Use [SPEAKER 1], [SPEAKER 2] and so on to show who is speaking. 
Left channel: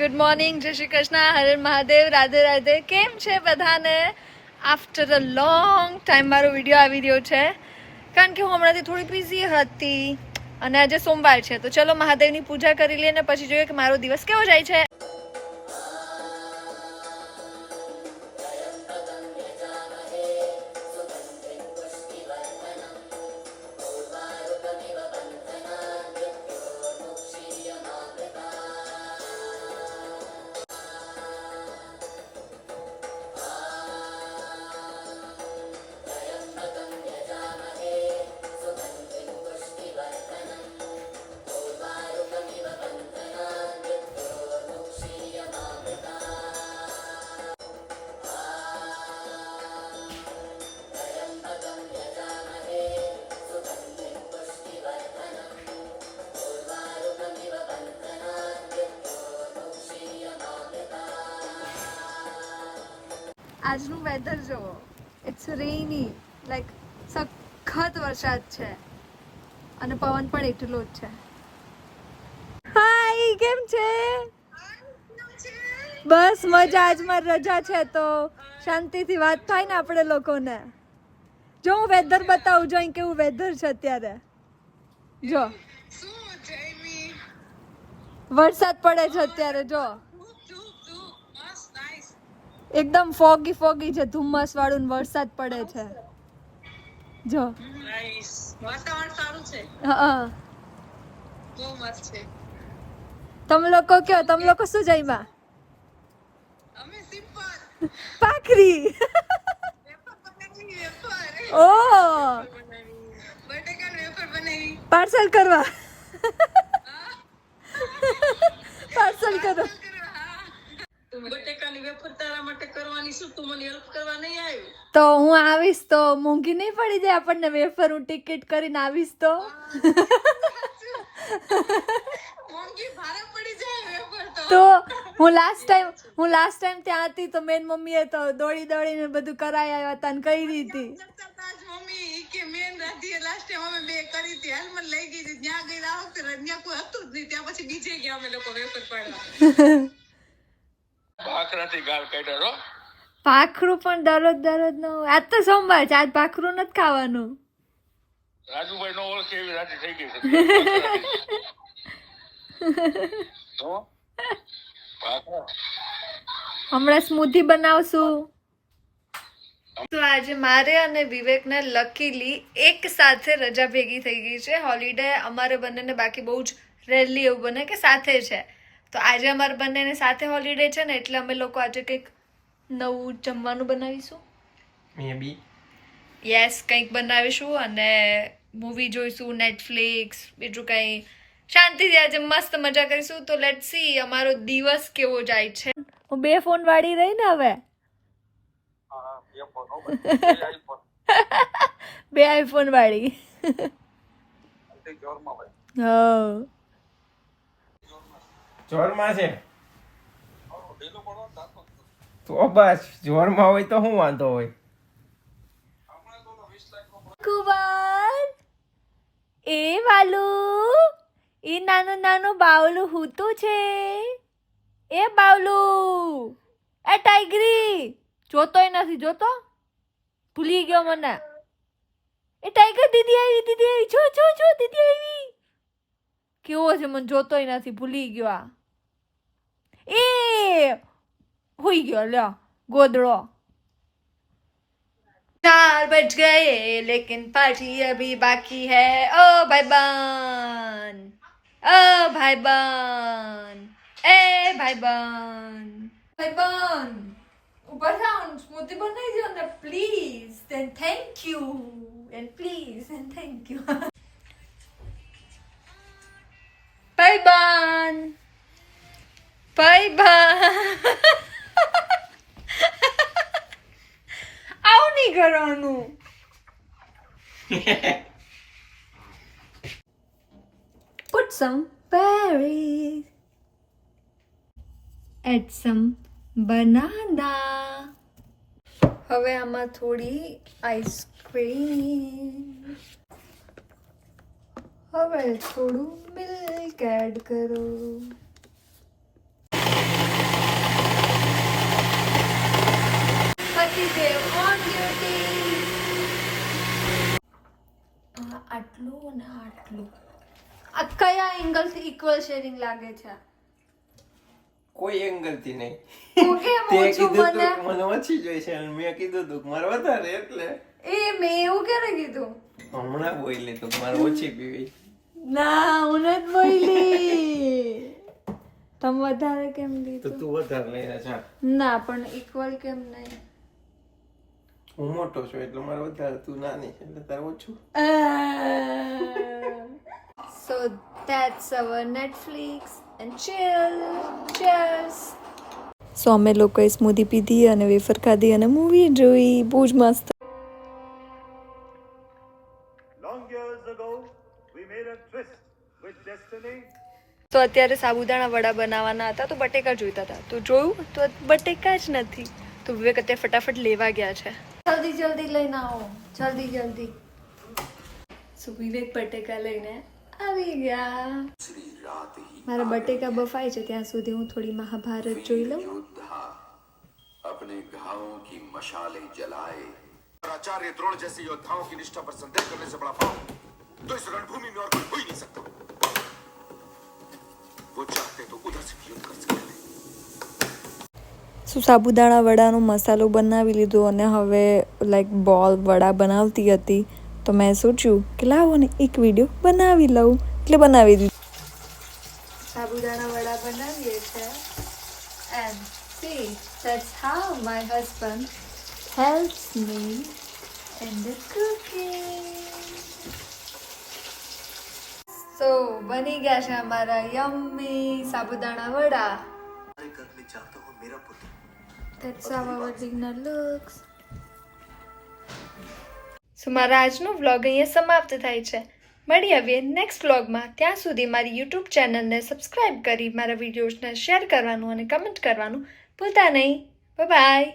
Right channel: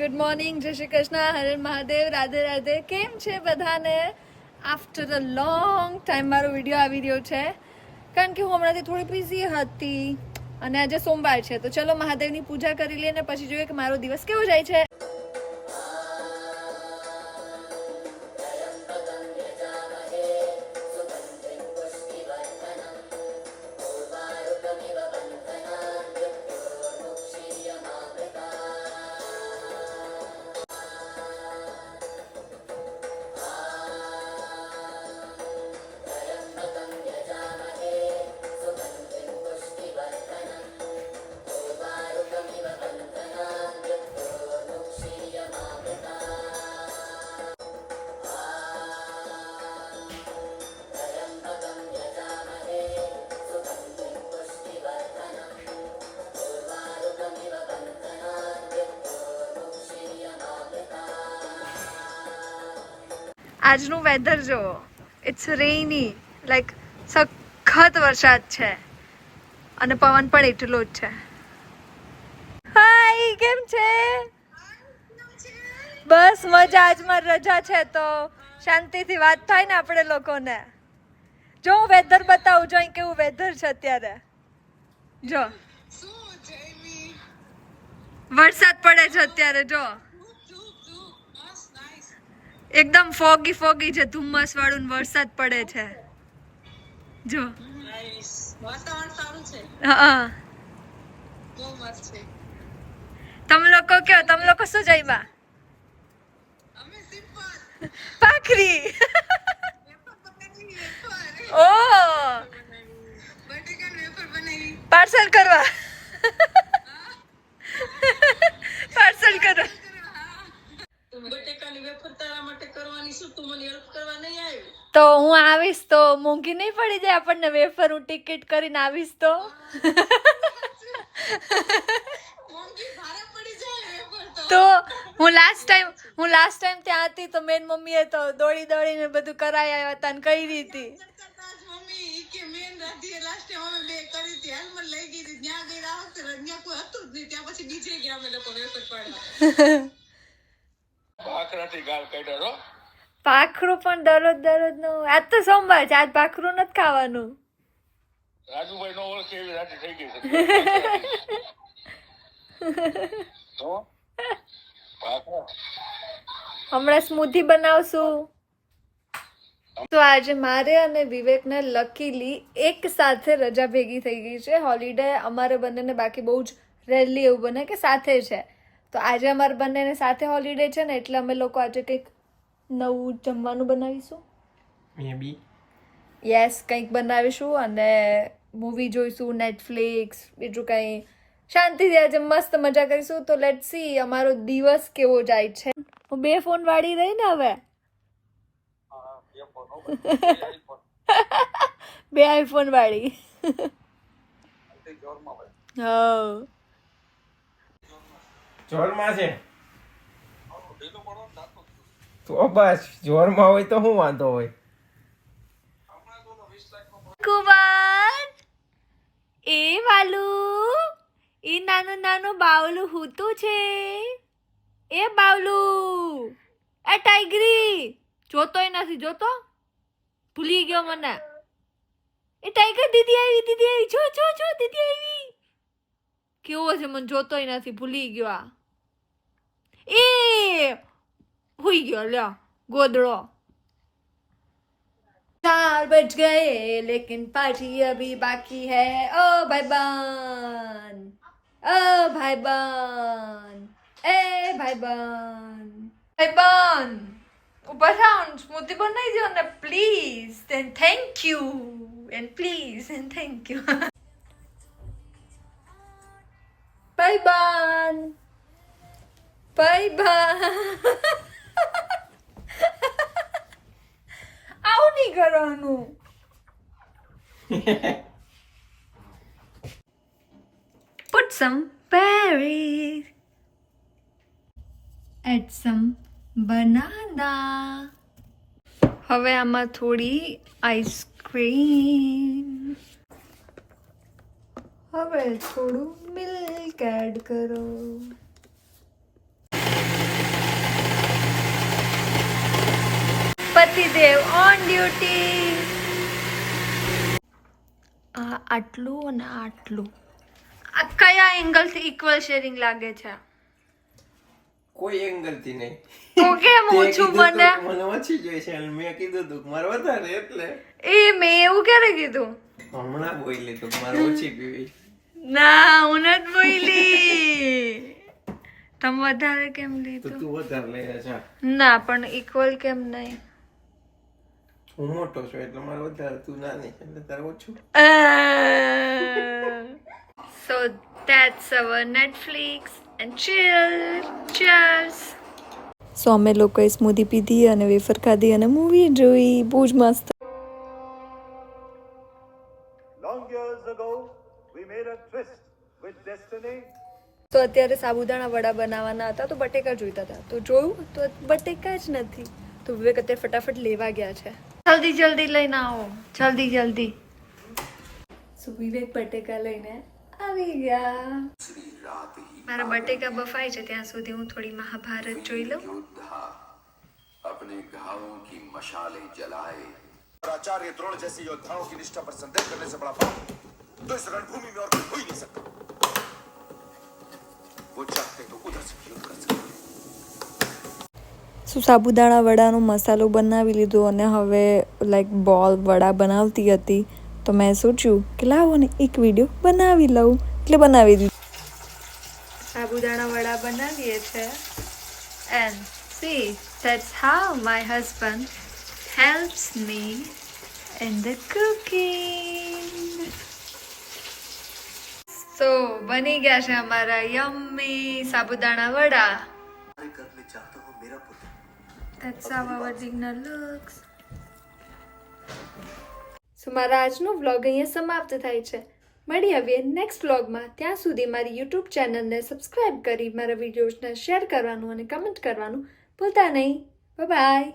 [SPEAKER 1] Good morning જય શ્રી કૃષ્ણ હરે મહાદેવ રાધે રાધે કેમ છે બધાને આફ્ટર અ લોંગ ટાઈમ મારો વીડિયો આવી રહ્યો છે. કારણ કે હું હમણાંથી થોડી બિઝી હતી અને આજે સોમવાર છે. તો ચલો મહાદેવની પૂજા કરી લઈએ ને પછી જોઈએ કે મારો દિવસ કેવો જાય છે. આજનું વેધર જો ઇટ્સ રેની લાઈક સખત વરસાદ છે. અને પવન પણ એટલો જ છે. હાય કેમ છે? બસ મજા આજમાં રજા છે તો શાંતિથી વાત થાય ને આપણે લોકોને. જો હું વેધર બતાવું જો અહીં કેવું વેધર છે અત્યારે. જો. વરસાદ પડે છે અત્યારે જો. એકદમ ફોગી ફોગી છે ધુમ્મસ વાળું વરસાદ પડે છે. જો.
[SPEAKER 2] વાતાવરણ સારું છે?
[SPEAKER 1] હા
[SPEAKER 2] બહુ મસ્ત છે.
[SPEAKER 1] તમે લોકો કયો? તમે લોકો શું જઈમાં
[SPEAKER 2] અમે સિમ્પલ.
[SPEAKER 1] પાખરી
[SPEAKER 2] વેફર બનાવી વેફર
[SPEAKER 1] ઓ
[SPEAKER 2] બટેકા વેફર બનાવી
[SPEAKER 1] પાર્સલ કરવા પાર્સલ કરવા
[SPEAKER 2] બટેકાની વેફર તારા માટે કરવાની શું તું મને હેલ્પ કરવા નહીં આવ્યું?
[SPEAKER 1] તો હું આવીશ તો મોંઘી નહીં પડી જાય આપણને વેફર હું ટિકિટ કરીને આવીશ તો?
[SPEAKER 2] મોંઘી ભારે પડી જાય વેફર તો.
[SPEAKER 1] તો હું લાસ્ટ ટાઈમ હું લાસ્ટ ટાઈમ ત્યાં હતી તો મેન મમ્મીએ તો દોડી દોડીને બધું કરાઈ આવ્યા હતા ને કહી હતી
[SPEAKER 2] મમ્મી કે મેન રાધી લાસ્ટ ટાઈમ અમે બે કરી હતી. હાલ લઈ ગઈ હતી ત્યાં ગઈ આ વખતે ત્યાં કોઈ હતું જ નહીં. ત્યાં પછી બીજે ગયા અમે લોકો વેફર પાડવા.
[SPEAKER 3] ભાખરાથી ગાળ કાઢ્યો
[SPEAKER 1] ભાખરું પણ દરરોજ દરરોજનું આજ તો સોમવાર છે આજ ભાખરું નથી ખાવાનું.
[SPEAKER 3] રાજુભાઈ નો ઓળખે એવી રાજી થઈ ગઈ
[SPEAKER 1] હમણાં સ્મૂધી બનાવશું. તો આજે મારે અને વિવેકને લકીલી એક સાથે રજા ભેગી થઈ ગઈ છે. હોલિડે અમારે બંનેને બાકી બહુ જ રેરલી એવું બને કે સાથે છે. તો આજે અમારે બંનેને સાથે હોલિડે છે ને એટલે અમે લોકો આજે કંઈક નવું જમવાનું બનાવીશું?
[SPEAKER 4] મે બી
[SPEAKER 1] યસ કંઈક બનાવીશું અને મૂવી જોઈશું નેટફ્લિક્સ બીજું કંઈ. શાંતિથી આજે મસ્ત મજા કરીશું. તો લેટ સી અમારો દિવસ કેવો જાય છે? હું બે ફોન વાળી રહી ને હવે.
[SPEAKER 3] બે આઈફોન.
[SPEAKER 1] વાળી.
[SPEAKER 3] જોરમાં ભાઈ.
[SPEAKER 1] હા.
[SPEAKER 4] જોરમાં. છે. તો બસ, જોરમાં હોય તો શું વાંધો હોય?
[SPEAKER 1] કુવાર, એ વાલુ, એ નાનું નાનું બાવલું હૂતું છે. એ બાવલું, એ ટાઈગરી, જોતોય નથી, જોતો? ભૂલી ગયો મને. એ ટાઈગર દીદી આવી દીદી આવી, જો જો જો, દીદી આવી. કેવો છે મને જોતોય નથી, ભૂલી ગયો આ. એ હોઈ ગયો લ્યો ગોદડો चार बज गए लेकिन पार्टी अभी बाकी है ओ भाई बहन ओ भाई बहन ए भाई बहन भाई बहन ऊपर થાવ સ્મૂધી બનાવી દો ને please then thank you and please and thank you ભાઈ બહન ભાઈ બહન નહીં કરવાનું Put some berries. Add some banana. હવે આમાં થોડી આઈસ્ક્રીમ હવે થોડું મિલ્ક એડ કરો પતિદેવ ઓન ડ્યુટી આ આટલું અને આટલું. આ કયા એંગલથી ઇક્વલ શેરિંગ લાગે છે?
[SPEAKER 4] કોઈ એંગલથી નહીં.
[SPEAKER 1] હું કેમ
[SPEAKER 4] તે
[SPEAKER 1] ઓછું
[SPEAKER 4] કીધું
[SPEAKER 1] બને
[SPEAKER 4] તું કે મને ઓછી જોઈ છે અને મેં કીધું તું મારે વધારે એટલે.
[SPEAKER 1] એ મેં એવું ક્યારે કીધું?
[SPEAKER 4] હમણાં બોલી તું મારે ઓછી પીવી.
[SPEAKER 1] ના હું નથી બોલી. તમે વધારે કેમ લીધું?
[SPEAKER 4] તું વધારે લઈ
[SPEAKER 1] ના પણ ઇક્વલ કેમ નહીં?
[SPEAKER 4] હું મોટો છું એટલે મારે વધારે તું નાની છે એટલે તારે ઓછું.
[SPEAKER 1] So that's our Netflix and chill Cheers.
[SPEAKER 5] So અમે લોકોએ સ્મૂધી પીધી અને વેફર ખાધી અને મૂવી જોઈ. બહુ જ મસ્ત.
[SPEAKER 6] Long years ago, we made a tryst with destiny.
[SPEAKER 5] તો અત્યારે સાબુદાણા વડા બનાવવાના હતા તો બટેકા જોઈતા હતા. તો જોયું? તો બટેકા જ નથી. તો વિવેક અત્યારે ફટાફટ લેવા ગયા છે.
[SPEAKER 1] જલ્દી જલ્દી લઈને આવો જલ્દી જલ્દી
[SPEAKER 5] સો વિવેક બટેકા લઈને આવી ગયા
[SPEAKER 1] મારા બટેકા બફાય છે ત્યાં સુધી હું થોડી મહાભારત જોઈ લઉં
[SPEAKER 7] योद्धा अपने घावों की मशालें जलाए
[SPEAKER 6] आचार्य द्रोण जैसे योद्धाओं की निष्ठा पर संदेह करने से बड़ा पाप तो इस रणभूमि में और कोई हो ही नहीं सकता वो चाहते तो उधर से भी युद्ध कर सकते हैं।
[SPEAKER 5] સો સાબુદાણા વડાનો મસાલો બનાવી લીધો અને હવે લાઈક બોલ વડા બનાવતી હતી. તો મેં સોચ્યું કે લાવો ને એક વીડિયો બનાવી લઉં. એટલે બનાવી દીધું.
[SPEAKER 1] સાબુદાણા વડા બનાવીએ છે. And see that's how my husband helps me in the cooking so બની ગયા છે અમારા યમ્મી સાબુદાણા વડા. That's how our dinner looks.
[SPEAKER 5] સો મારા આજનો વ્લોગ અહીંયા સમાપ્ત થાય છે. મળી આવીએ નેક્સ્ટ વ્લોગમાં. ત્યાં સુધી મારી યુટ્યુબ ચેનલને સબસ્ક્રાઈબ કરી, મારા વિડીયોઝને શેર કરવાનું અને કમેન્ટ કરવાનું ભૂલતા નહીં. બાય